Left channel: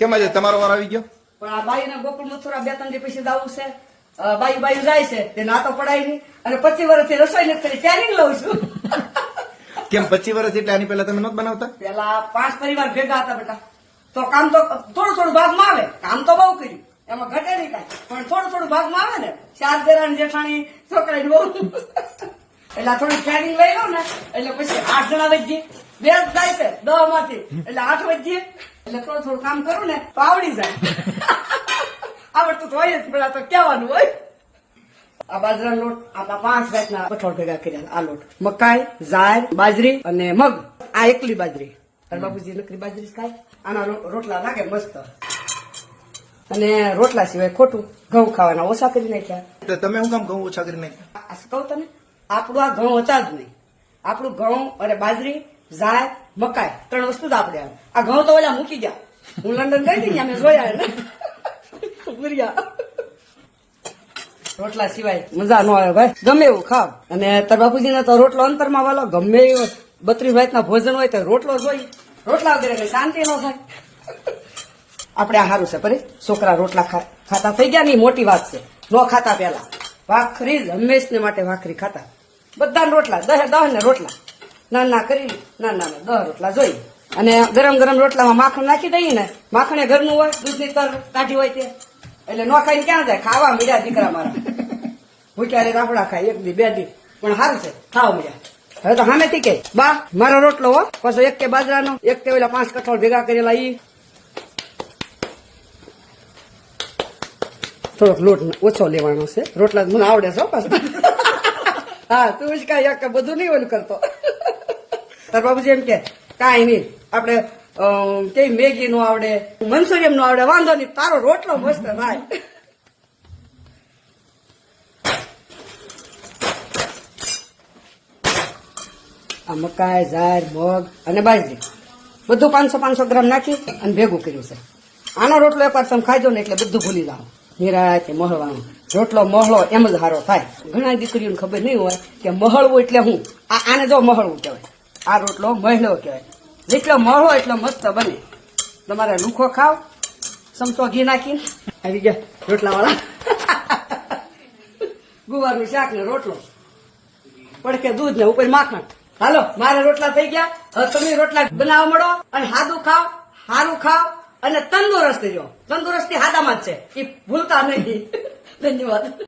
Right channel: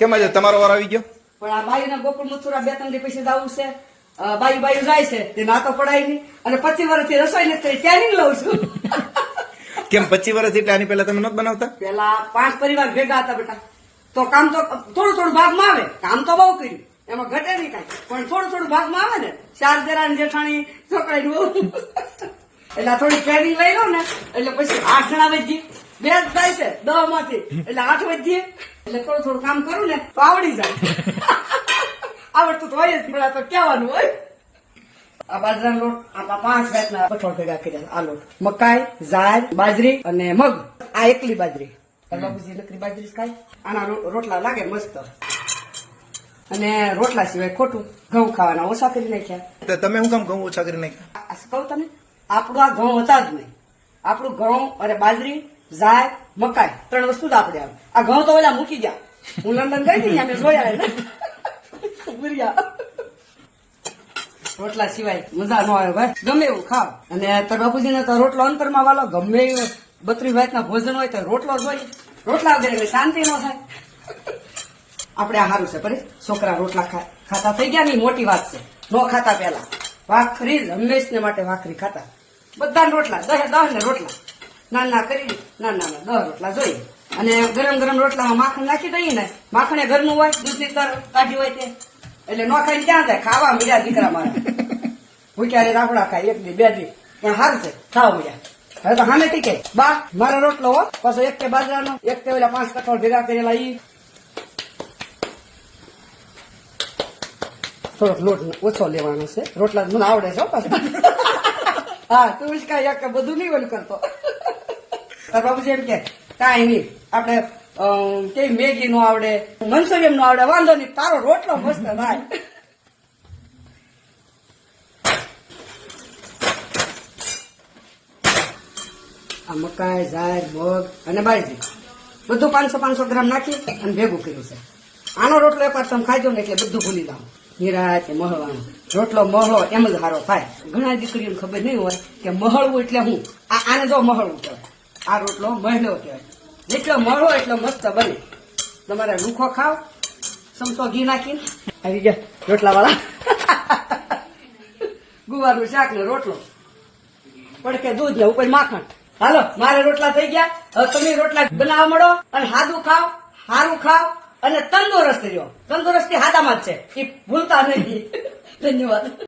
કેમ આજે તમારો વાર આવી ગયો? પણ આ બાઈ ના ગોકુળ મથુરા 2-3 દી પછી જવું છે. બાઈ જાય છે તે નાતો પડાય નહીં અને 25 વર્ષથી રસોઈ નથી કરી ટ્રેનિંગ લઉં છું. કેમ 25 વર્ષ એટલે આની પહેલા તમે નહોતા બનાવતા? પેલા 5 પરિવાર ભેગા હતા બેટા, તો કામ તો થોડું ભાગમાં આવે. કામ તો બહુ કર્યું, એમાં ઘટે નહીં કાંઈ, પણ થોડું ભાગમાં આવે ને. 4 દેરાણી જેઠાણી છોકરાની બહુ એટલે થોડી ટ્રેનિંગ લઈ લો ને એટલે પછી 8 જણા વધી 2 જ જાય છે 10 માંથી, એટલે 8 વધીએ એટલે થોડું કામ કરું ને તો આવડી જાય. આવડતું તો હોય જ, પેલા તો કહેવાનું હોય. આ બાજરાનો લોટ આપણા 5 જાતના કઠોળ ભેગા કર્યા. આ લોટ મકાઈ, જાર, બાજરી અને મગ. આ એકલી બાજરી, બાબુજી નકરી બાજરી જ ખાય. આના રોટલા લાગે મસ્ત. અને રોટલા સિવાય ખોટું ઘઉં ખાવાના ઓછા કરી નાખ્યા. તો તમે શું કામ ઘઉં ઓછા કરી નાખ્યા? આ શું કહું તને, આપણું આ ઘઉં હતા જ નહીં. આપણું ઘઉં અને બાજરી, જાર, મકાઈ 3 વસ્તુ જ આપણે આવે. આ ઘઉં તો ઓલા મૂકી ગયા. હું લંડન ગઈ હતી અમે જોયા ને રોટલા સિવાય મજા ન આવે ભાઈ, ગમે એવું ખાવ. અને તાર બાપુજીને તો રોટલો અંતરમાં વાલો, ગમે એવો 32 વાતના ભોજન હોય તો રોટલો જોઈ. રોટલા વગેરે એટલે શાંતિ ન થાય. આપણે આ સારું છે, પરે છોકરા રોટલા ખાતા થઈ ગયા ને મોટી વાત છે. ન ખાતા પેલા ભાખરી જ હંમેશને માટે ભાખરી ખાતા. બધા રોટલા 10 ને રોટલા નાના કરી નાના 10 રોટલા જોઈ. અને ગરમ રોટલામાં માખણ નાખી દઈએ ને, માખણ એ ઘરનું હોય, દૂધની કાઢી હોય તે, એટલે ન ખાઈને ક્યાં જાય? ખાવા મળ્યા દીકરા મારા. ભૂખ્યા રાફડા ખાય 1 દી 2 દી, પણ સારું છે ખાવા મળ્યા. હવે તો સામેથી કે બા મારો રોટલો હો, પાછો 1 કે બાજરાનો, 1 કે ઓલા 5 કઠોળ ભેગા કરેલા ઈ. થોડોક લોટ ઓછો લેવાનો છે, રોટલા મને આવડે છે પાછો. હા તું જ કાંઈ એક બધું નહીં ઓલું કરતો. તાર બાબુજી એમ કે કાંઈ નહીં, આપણે કઈ મેગી નો આવડે, મંચુરિયન નો આવડે, વાંધો નહીં, તારો રોટલો મસ્ત થાય. આ મકાઈ, જાર, મગ અને બાજરી બધું 500 ગ્રામ નાખી અને ભેગું કર્યું છે. આનો રોટલો એકવાર તમે ખાજો ને એટલે બધું ભૂલી જાવ. નિરાતે મહળવાનો રોટલો મહળો એમ જ સારો થાય. ઘણા દીકરીઓને ખબર નહીં હોય કે મહળવું એટલે હું. આને જો મહળવું કહેવાય, આ રોટલો મહળો કહેવાય. જેટલો મહળો એટલો મસ્ત બને. તમારે લુખો ખાવ, ચમચો ઘી નાખીને આવી ગયા રોટલા વાળા. ગુવારનું શાક ને રોટલો, પડકે દૂધ ને ઉપર માખણ. હાલો મારે રોટલા થઈ ગયા. હવે તમે રોટલા બનાવવા મળો અને સાદું ખાવ, સારું ખાવ અને તંદુરસ્ત રહ્યો. તંદુરસ્તી હાદામાં જ છે, એ ભૂલતા નહીં. ધન્યવાદ.